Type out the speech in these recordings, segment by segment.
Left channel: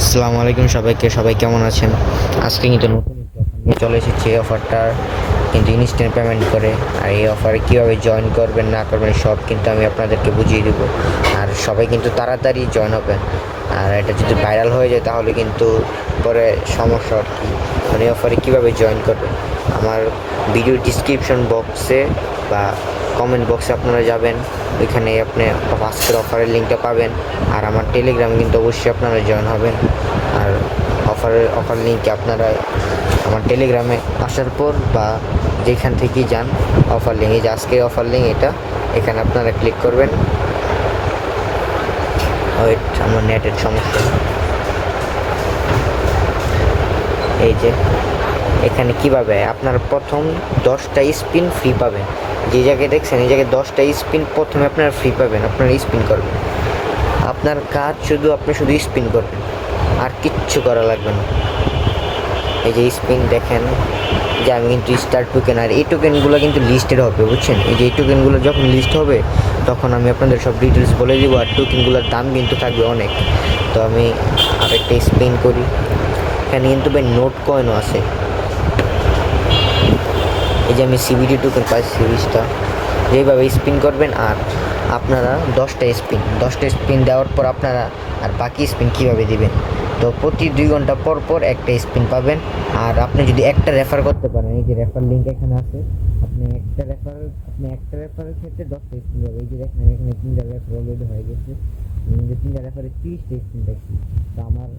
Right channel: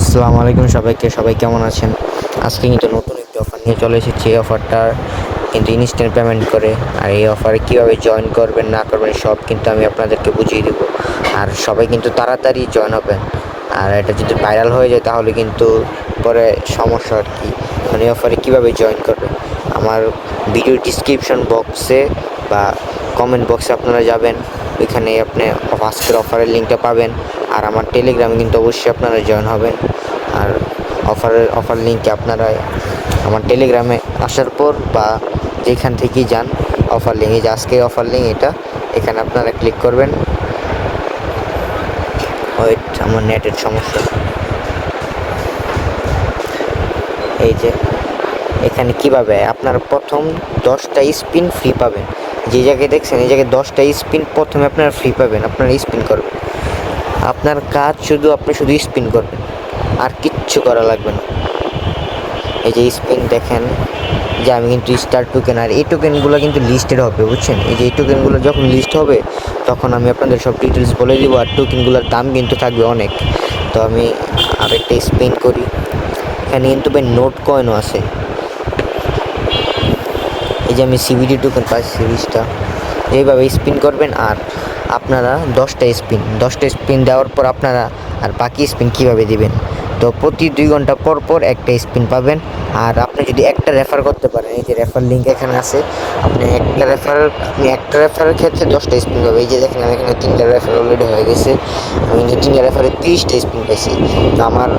আসসালামু আলাইকুম সবাইকে। সবাই কেমন আছেন? আজকে কিন্তু নতুন একটি অফার নিয়ে চলে এসেছি। এই অফারটা কিন্তু ইনস্ট্যান্ট পেমেন্ট করে। আর এই অফারে কীভাবে জয়েন করবেন না করবেন সব কিন্তু আমি আপনাদেরকে বুঝিয়ে দেবো। আর সবাই কিন্তু তাড়াতাড়ি জয়েন হবেন। আর এটা যদি ভাইরাল হয়ে যায় তাহলে কিন্তু পরে সমস্যা আর কি। মানে এই অফারে কীভাবে জয়েন করবেন, আমার ভিডিও ডিসক্রিপশন বক্সে বা কমেন্ট বক্সে আপনারা যাবেন, ওইখানে আপনি আজকের অফারের লিঙ্কটা পাবেন। আর আমার টেলিগ্রামে কিন্তু অবশ্যই আপনারা জয়েন হবেন। আর অফার লিঙ্কে আপনারা আমার টেলিগ্রামে আসার পর বা যেখান থেকেই যান, অফার লিঙ্ক, এই যে আজকে অফার লিঙ্ক এটা, এখানে আপনারা ক্লিক করবেন। ওয়েট, আমার নেটের সমস্যা। এই যে এখানে কিভাবে আপনার প্রথম 10টা স্পিন ফ্রি পাবেন। যে জায়গায় দেখছেন এই জায়গায় 10টা স্পিন প্রথমে আপনারা ফ্রি পাবেন। আপনারা স্পিন করবেন, আপনার কাজ আপনি শুধু স্পিন করবেন, আর কিচ্ছু করা লাগবে না। এই যে স্পিন দেখেন যে আমি কিন্তু স্টার টোকেন, আর এই টোকেনগুলো কিন্তু লিস্টেড হবে, বুঝছেন? এই যে এই টোকেনগুলো যখন লিস্ট হবে তখন আমি আপনাদের সব ডিটেলস বলে দিব। আর টোকেনগুলোর দাম কিন্তু থাকবে অনেক। তো আমি আরেকটা স্পিন করি। এখানে কিন্তু নোট কয়েনও আছে। এই যে আমি সিবিডি টোকেন পাইছি 20টা। যেভাবে স্পিন করবেন, আর আপনারা 10টা স্পিন দেওয়ার পর আপনারা আর বাকি স্পিন কীভাবে দিবেন, তো প্রতি 2 ঘন্টা পর পর একটা স্পিন পাবেন। আর আপনি যদি একটা রেফার করতে পারেন, এই যে রেফার লিঙ্ক এখানে আছে, আপনি একটা রেফারের ক্ষেত্রে 10টা স্পিন পাবেন। এই যে দেখেন আমি এখানে 3টা রেফার অলরেডি হয়ে গেছে। আমি কিন্তু 3টা রেফারে 30টা স্পিন পাইছি। তো আমার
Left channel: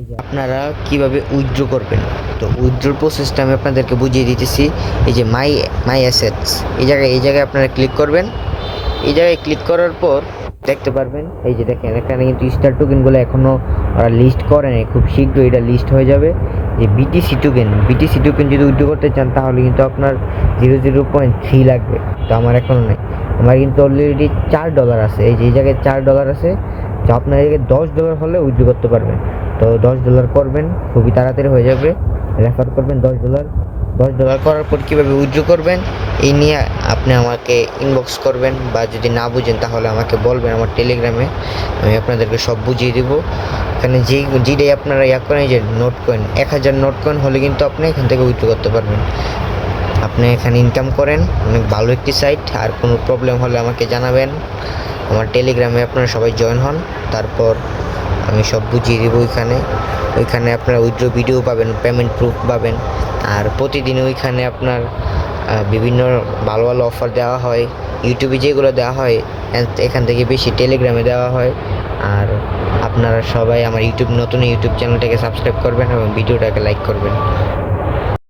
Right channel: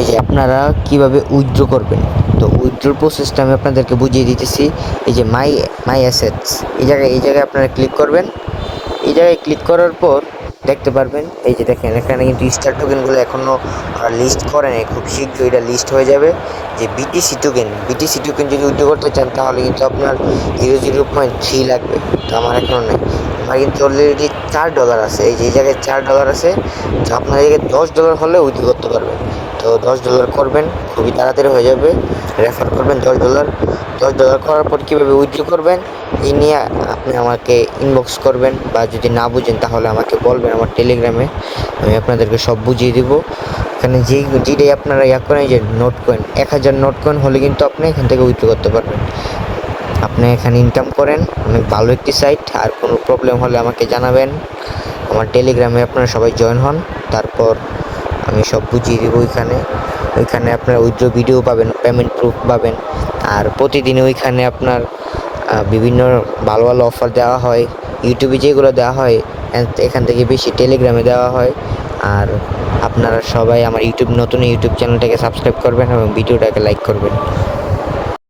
এই যে আপনারা কিভাবে উইথড্র করবেন, তো উইথড্রোর প্রসেসটা আমি আপনাদেরকে বুঝিয়ে দিতেছি। এই যে মাই অ্যাসেটস, এই জায়গায় আপনারা ক্লিক করবেন। এই জায়গায় ক্লিক করার পর দেখতে পারবেন, এই যে দেখেন এখানে কিন্তু স্টার টোকেনগুলো এখনও লিস্ট করে নাই, খুব শীঘ্রই এটা লিস্ট হয়ে যাবে। যে বিটিসি টোকেন যদি উইথড্র করতে চান তাহলে কিন্তু আপনার 0.3 লাগবে। তো আমার এখনও নেই, আমার কিন্তু অলরেডি $4 আছে। এই যে এই জায়গায় $4 আছে। তো আপনার এই জায়গায় $10 হলে উইথড্র করতে পারবেন। তো $10 করবেন, খুবই তাড়াতাড়ি হয়ে যাবে। রেফার করবেন $10 করার পর কীভাবে উইথড্র করবেন এই নিয়ে আপনি আমাকে ইনবক্স করবেন, বা যদি না বুঝেন তাহলে আমাকে বলবেন আমার টেলিগ্রামে, আমি আপনাদেরকে সব বুঝিয়ে দেবো। এখানে যেটাই আপনারা করেন, যে নোট কয়েন 1000 নোট কয়েন হলে কিন্তু আপনি এখান থেকে উইথড্র করতে পারবেন। আপনি এখানে ইনকাম করেন, অনেক ভালো একটি সাইট। আর কোনো প্রবলেম হলে আমাকে জানাবেন, আমার টেলিগ্রামে আপনারা সবাই জয়েন হন। তারপর আমি সব বুঝিয়ে দেবো। ওইখানে আপনারা উইথড্র ভিডিও পাবেন, পেমেন্ট প্রুফ পাবেন। আর প্রতিদিন ওইখানে আপনার বিভিন্ন ভালো ভালো অফার দেওয়া হয়। ইউটিউবে যেগুলো দেওয়া হয় এখান থেকে বেশি টেলিগ্রামে দেওয়া হয়। আর আপনারা সবাই আমার নতুন ইউটিউব চ্যানেলটাকে সাবস্ক্রাইব করবেন এবং ভিডিওটাকে লাইক করবেন।